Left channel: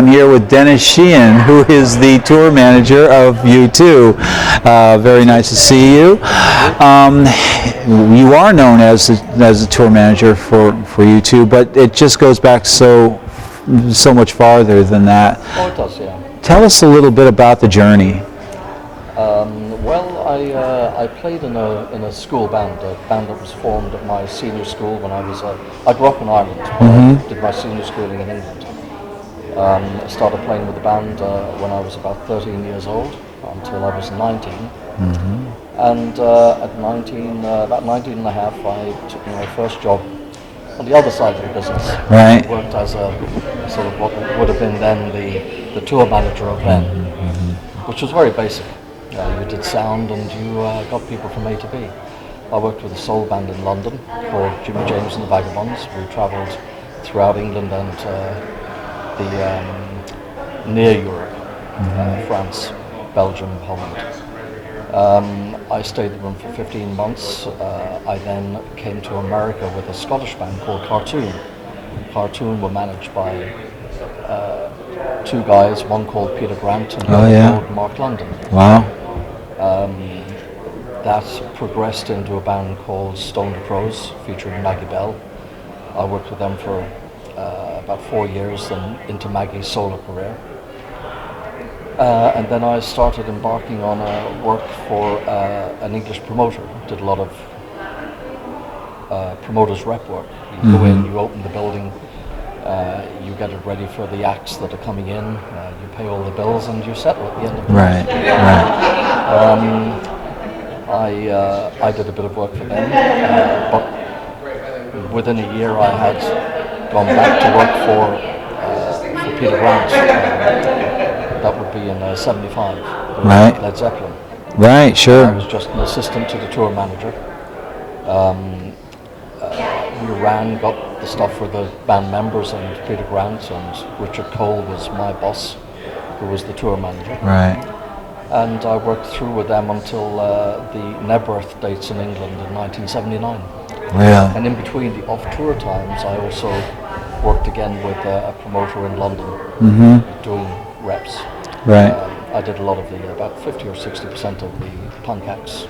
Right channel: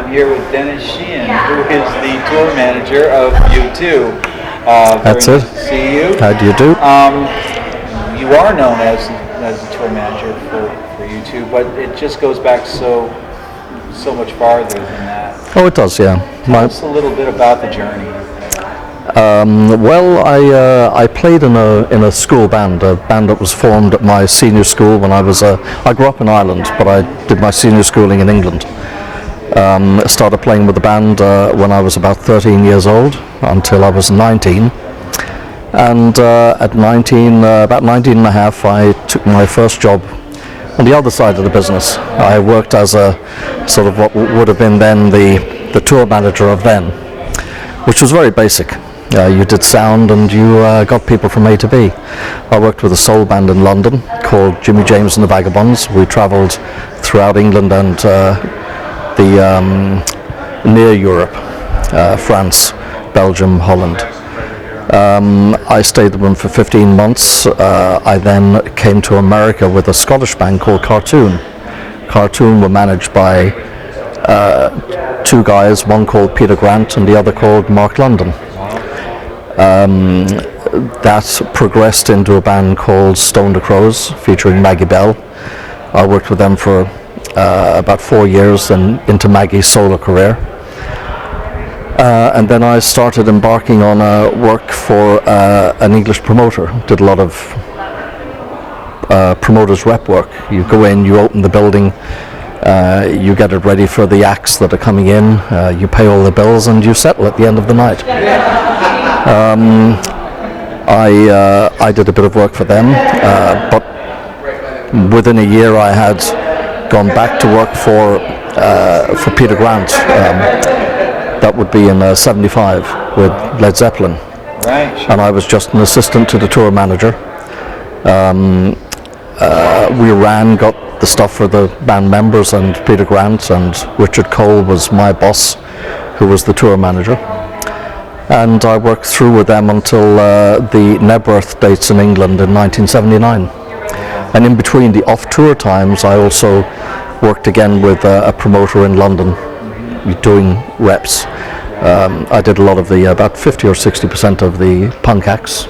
I'm here with Dennis Sheehan, who is the tour manager of U2. Very nice to see you. How do you do? You are known as the tour manager for U2, but it just goes back so much farther than that. Oh, it does, yeah. Tell us a little bit about the journey. Well, I played in a school band, a band that was formed at my senior school when I grew up in Ireland, but I did my senior schooling in England. Started playing with the band when I was about 13 years old until I was 19. And at 19, about 19 and a half, I took my first job on the other side of the business. Right. I worked as a sort of what would have been then the tour manager of then, which was very basic. You did sound and you got people from A to B. I worked with a soul band in London called Jimmy James and the Vagabonds. We travelled throughout England and near Europe, France, Belgium, Holland. I stayed with them for 15 months. I then came to America with a Scottish band called Cartoon. Cartoon were managed by two guys, one called Peter Grant and the other called Mark London. Wow. That progressed into a band called Stone the Crows, featuring Maggie Bell. I worked with them for about 4 years and into Maggie's solo career. And then I started embarking on work for an English promoter. Did a lot of promoters rep work. You go in, you open the building, you get it ready for the acts that are coming in, you pay all the bills and you settle at the end of the night. I did a bit of work for them, but within a year I had gone back to work for Peter Grant. That would be in '75 with Led Zeppelin. Right, sure. And I was just an assistant to the tour manager. We got the stuff for the band members and Peter Grant, and Richard Cole was my boss, who was the tour manager. Right. And I worked through with them until the Nebworth dates in England in 1979. Yeah. And in between the off-tour times, I also worked again with a promoter in London, doing reps. Right. I did a lot of about 50 or 60% of the punk acts.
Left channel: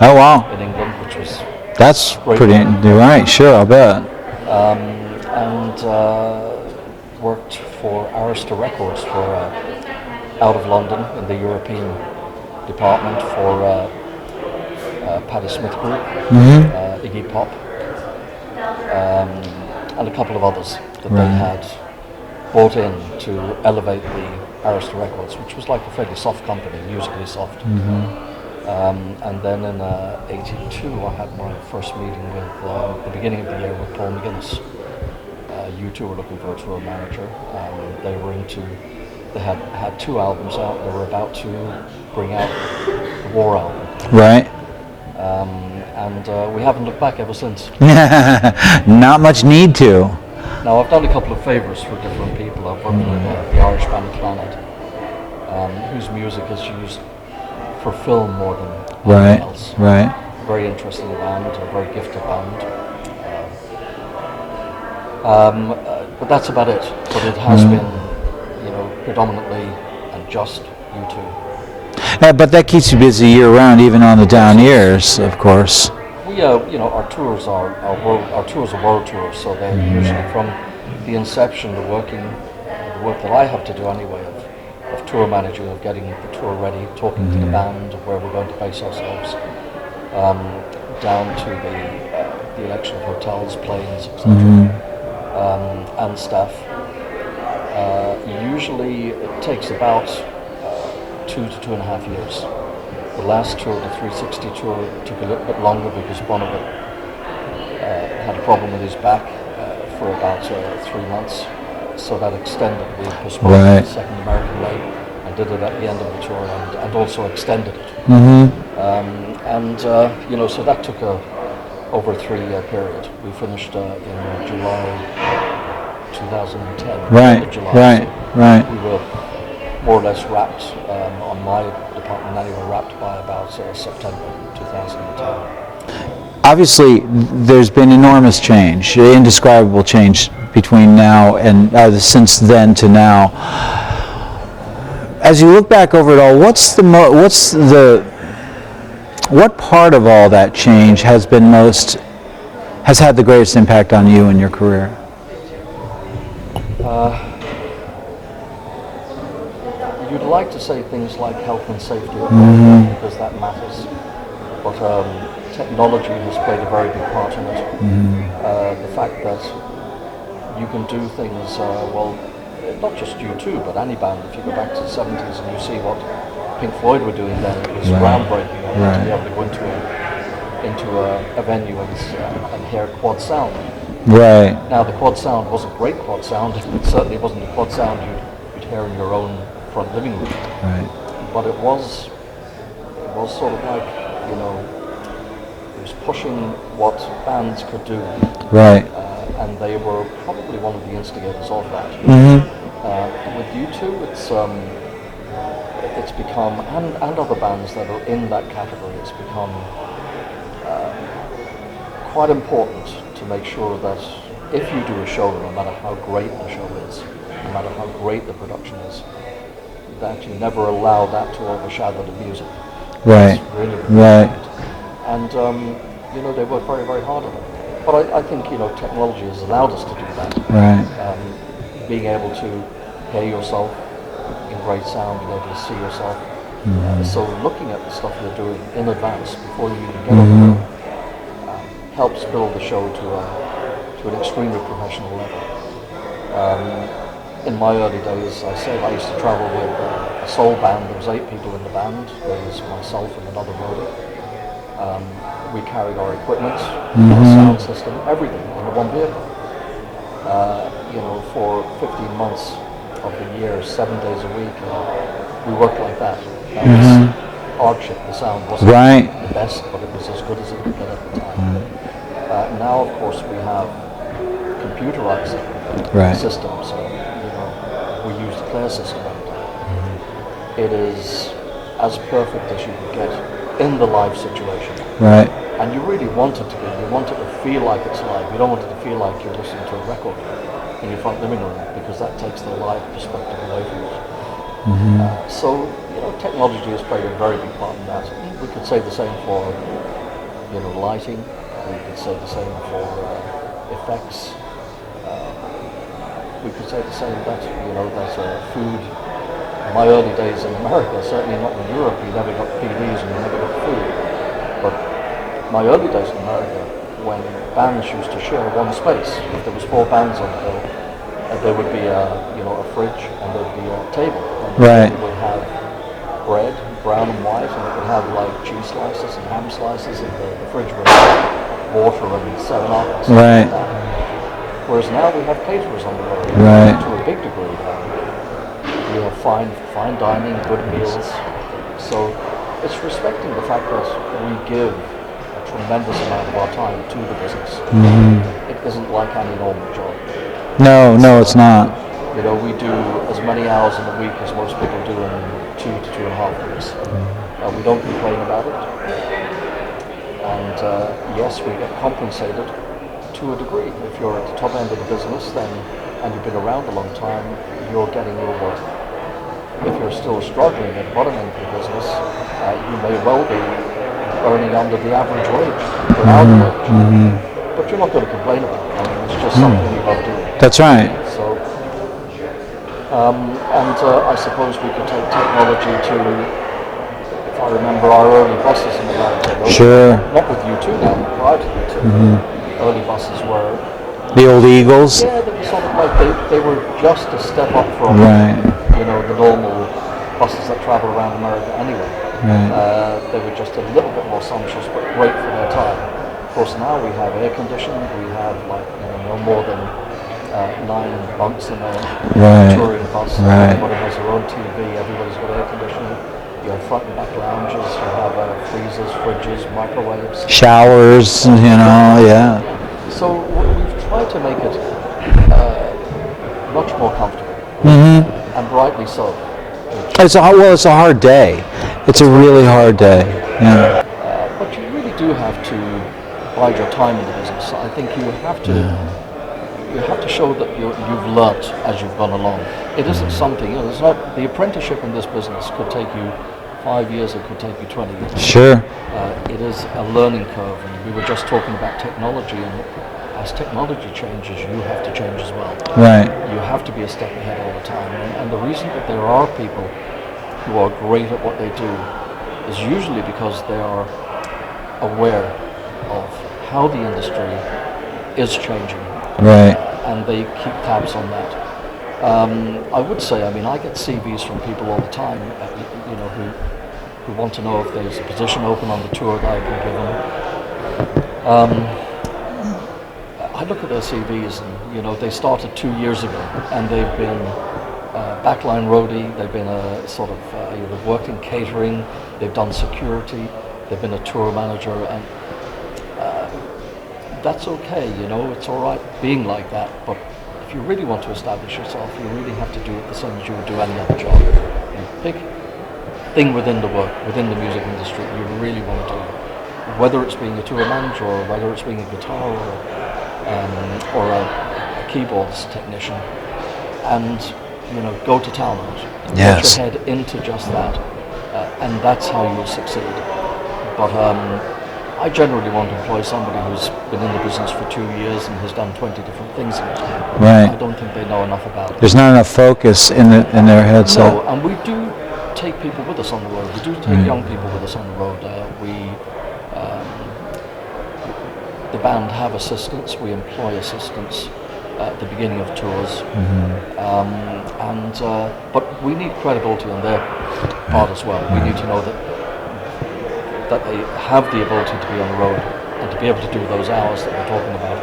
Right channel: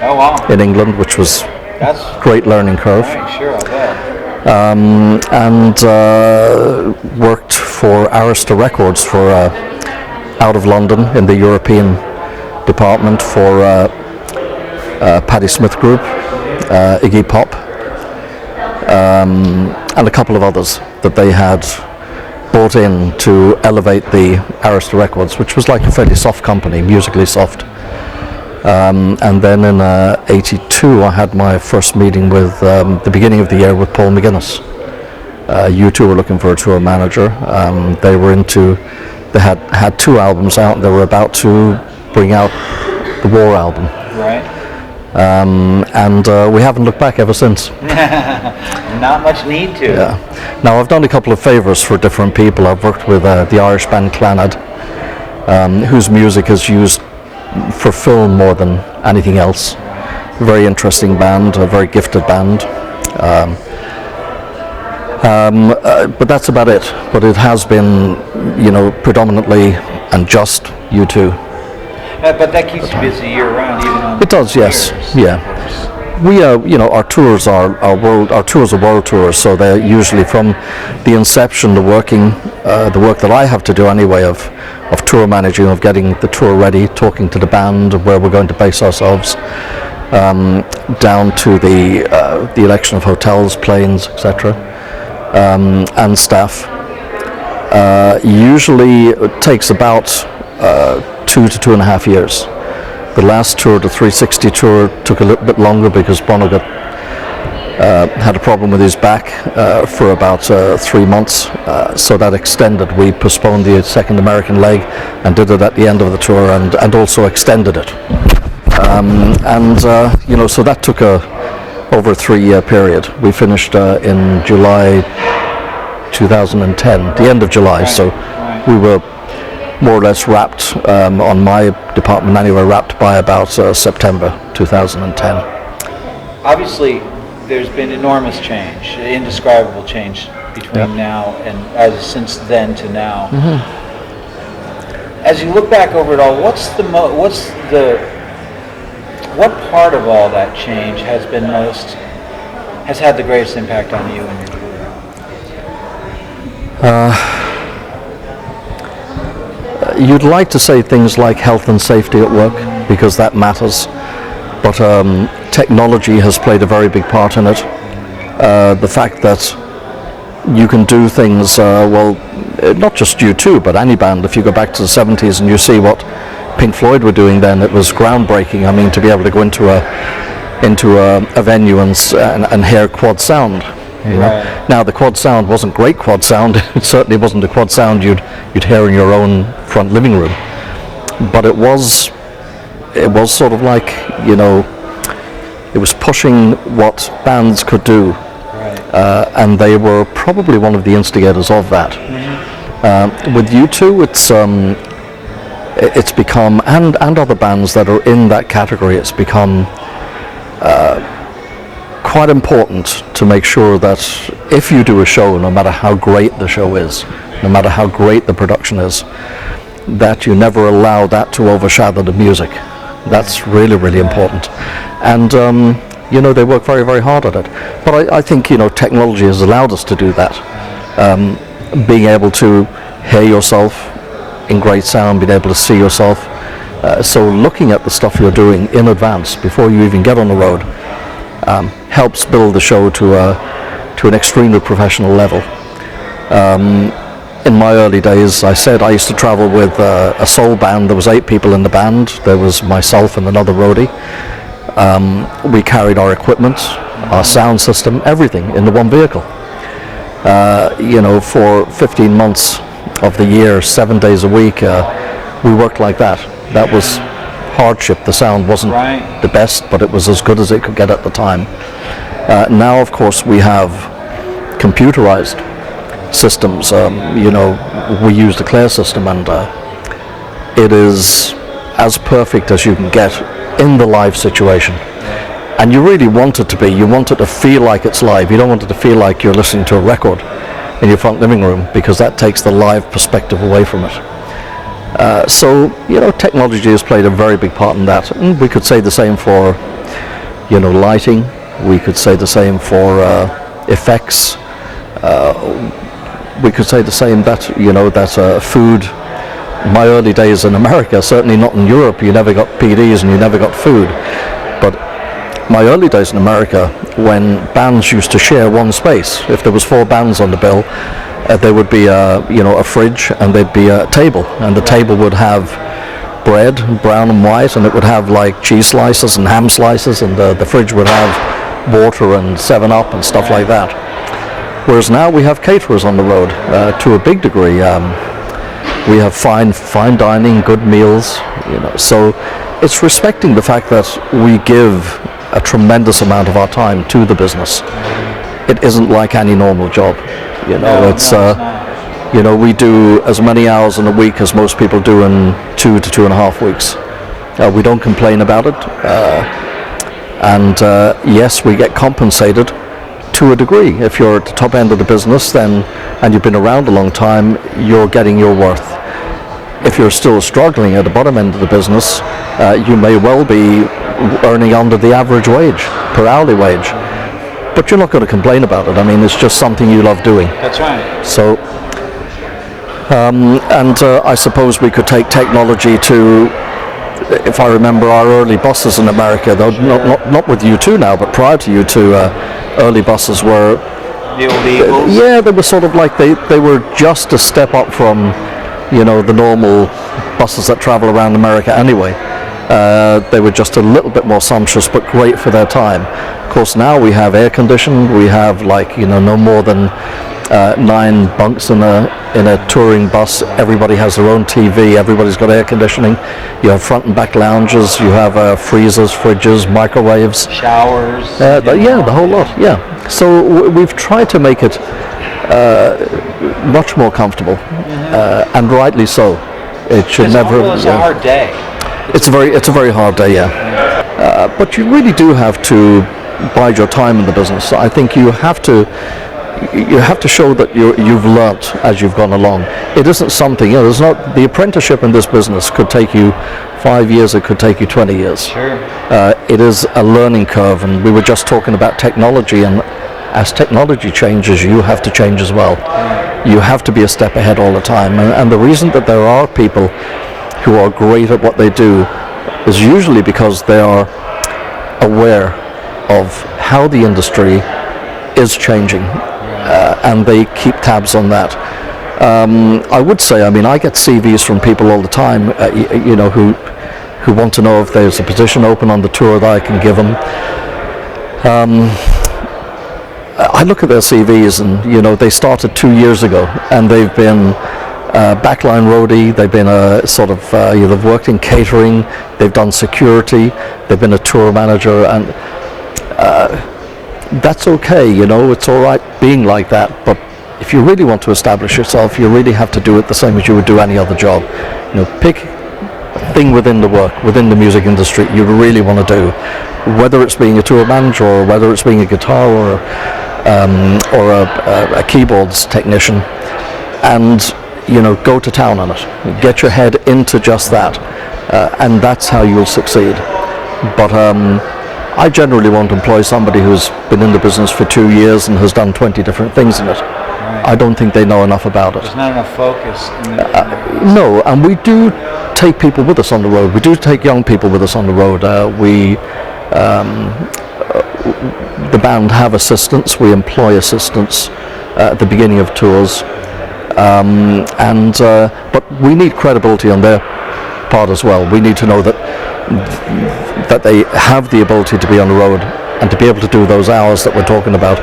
Oh wow. In England, which was That's great learning curve. Right, sure, I'll bet. And worked for Arista Records for out of London in the European department for Patti Smith Group, Iggy Pop, and a couple of others that they had brought in to elevate the Arista Records, which was like a fairly soft company, musically soft. And then in '82 I had my first meeting with the beginning of the year with Paul McGuinness. U2 were looking for a tour manager. They had two albums out and they were about to bring out the War album. Right. And we haven't looked back ever since. Not much need to. Yeah. Now I've done a couple of favours for different people. I've worked with the Irish band Clannad, whose music is used for film more than anything else. Right. Very interesting band, a very gifted band. But that's about it. But it has been, predominantly and just U2. But that keeps you busy year-round, even on the down years. Yeah, of course. We, our tours are world tours, so they're usually from the inception, the work that I have to do anyway of tour managing, of getting the tour ready, talking to the band, where we're going to base ourselves, down to the election of hotels, planes, etc., and staff. Usually it takes about 2 to 2.5 years. The last tour, the 360 tour, took a little bit longer because Bono had a problem with his back for about 3 months, so that extended. We postponed the second American leg and did it at the end of the tour, and also extended it. So that took over a 3-year period. We finished in July 2010, the end of July. So we were more or less wrapped, on my department anyway, wrapped by about September 2010. Obviously, there's been enormous change, indescribable change between now and since then to now. As you look back over it all, what part of all that change has had the greatest impact on you and your career? You'd like to say things like health and safety at work, because that matters, but technology has played a very big part in it. The fact that you can do things, not just U2, but any band. If you go back to the 70s and you see what Pink Floyd were doing then, it was groundbreaking. I mean, to be able to go into a venue and hear quad sound. Right. Now, the quad sound wasn't great quad sound. It certainly wasn't the quad sound you'd hear in your own front living room. But it was sort of like, it was pushing what bands could do. Right. And they were probably one of the instigators of that. With U2, it's become, and other bands that are in that category, it's become quite important to make sure that if you do a show, no matter how great the show is, no matter how great the production is, that you never allow that to overshadow the music. That's really, really important. And they work very, very hard at it. But I think, technology has allowed us to do that. Being able to hear yourself in great sound, being able to see yourself. So looking at the stuff you're doing in advance, before you even get on the road, helps build the show to an extremely professional level. In my early days, I said I used to travel with a soul band. There was 8 people in the band. There was myself and another roadie. We carried our equipment, our sound system, everything in the one vehicle. For 15 months of the year, 7 days a week, we worked like that. That was hardship. The sound wasn't the best, but it was as good as it could get at the time. Now, of course, we have computerized systems. We use the Claire system, and it is as perfect as you can get in the live situation. And you really want it to be. You want it to feel like it's live. You don't want it to feel like you're listening to a record in your front living room, because that takes the live perspective away from it. Technology has played a very big part in that. And we could say the same for, lighting. We could say the same for effects. We could say the same that, food. My early days in America, certainly not in Europe, you never got PDs and you never got food. But my early days in America, when bands used to share one space, if there was 4 bands on the bill, there would be a fridge, and there'd be a table, and the table would have bread, brown and white, and it would have like cheese slices and ham slices, and the fridge would have water and 7-Up and stuff like that. Whereas now we have caterers on the road to a big degree. We have fine dining, good meals, So it's respecting the fact that we give a tremendous amount of our time to the business. It isn't like any normal job. No, it's not. We do as many hours in a week as most people do in 2 to 2.5 weeks. We don't complain about it. Yes, we get compensated to a degree. If you're at the top end of the business, and you've been around a long time, you're getting your worth. If you're still struggling at the bottom end of the business, you may well be earning under the average wage, per hourly wage. But you're not going to complain about it. I mean, it's just something you love doing. That's right. So, I suppose we could take technology to, if I remember our early buses in America, though, not with U2 now, but prior to U2, early buses were the old Eagles. They were sort of like they were just a step up from the normal buses that travel around America anyway. They were just a little bit more sumptuous, but great for their time. Of course, now we have air conditioning. We have no more than 9 bunks in a touring bus. Everybody has their own TV. Everybody's got air conditioning. You have front and back lounges. You have freezers, fridges, microwaves, showers. The whole lot. So we've tried to make it much more comfortable, and rightly so. It's a hard day. It's a very hard day. But you really do have to bide your time in the business. I think you have to you have to show that you've learnt as you've gone along. It isn't something, there's not, the apprenticeship in this business could take you 5 years, it could take you 20 years. Sure. It is a learning curve, and we were just talking about technology, and as technology changes, you have to change as well. Right. You have to be a step ahead all the time, and the reason that there are people who are great at what they do is usually because they are aware of how the industry is changing, Right. and they keep tabs on that. I would say, I get CVs from people all the time, who want to know if there's a position open on the tour that I can give them. I look at their CVs, and they started 2 years ago, and they've been backline roadie, they've been a sort of, they've worked in catering, they've done security, they've been a tour manager, and that's okay, it's all right being like that, but if you really want to establish yourself, you really have to do it the same as you would do any other job. Pick a thing within the work, within the music industry you really want to do, whether it's being a tour manager, or whether it's being a guitar or a keyboards technician, and go to town on it. Get your head into just that, and that's how you'll succeed. But I generally won't employ somebody who's been in the business for 2 years and has done 20 different things in it. Right. I don't think they know enough about it. There's not enough focus in their heads. No, and we do take people with us on the road. We do take young people with us on the road. The band have assistants. We employ assistants at the beginning of tours, but we need credibility on their part as well. We need to know that they have the ability to be on the road and to be able to do those hours that we're talking about.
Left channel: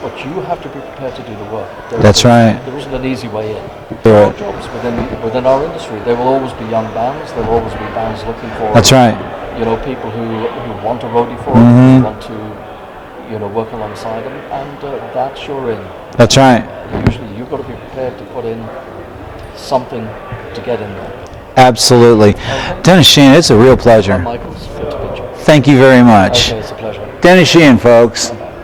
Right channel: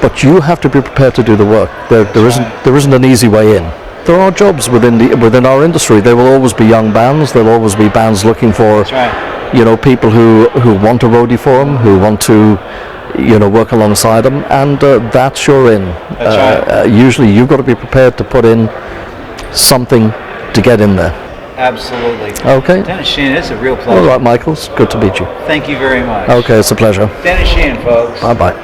But you have to be prepared to do the work. There isn't an easy way in. There are jobs within our industry. There will always be young bands. There will always be bands looking for. That's right. People who want a roadie for them, who want to, work alongside them, and that's your in. That's right. Usually, you've got to be prepared to put in something to get in there. Absolutely. Okay. Dennis Sheehan, it's a real pleasure. All right, Michael. It's good to meet you. Thank you very much. Okay, it's a pleasure. Dennis Sheehan, folks. Bye-bye.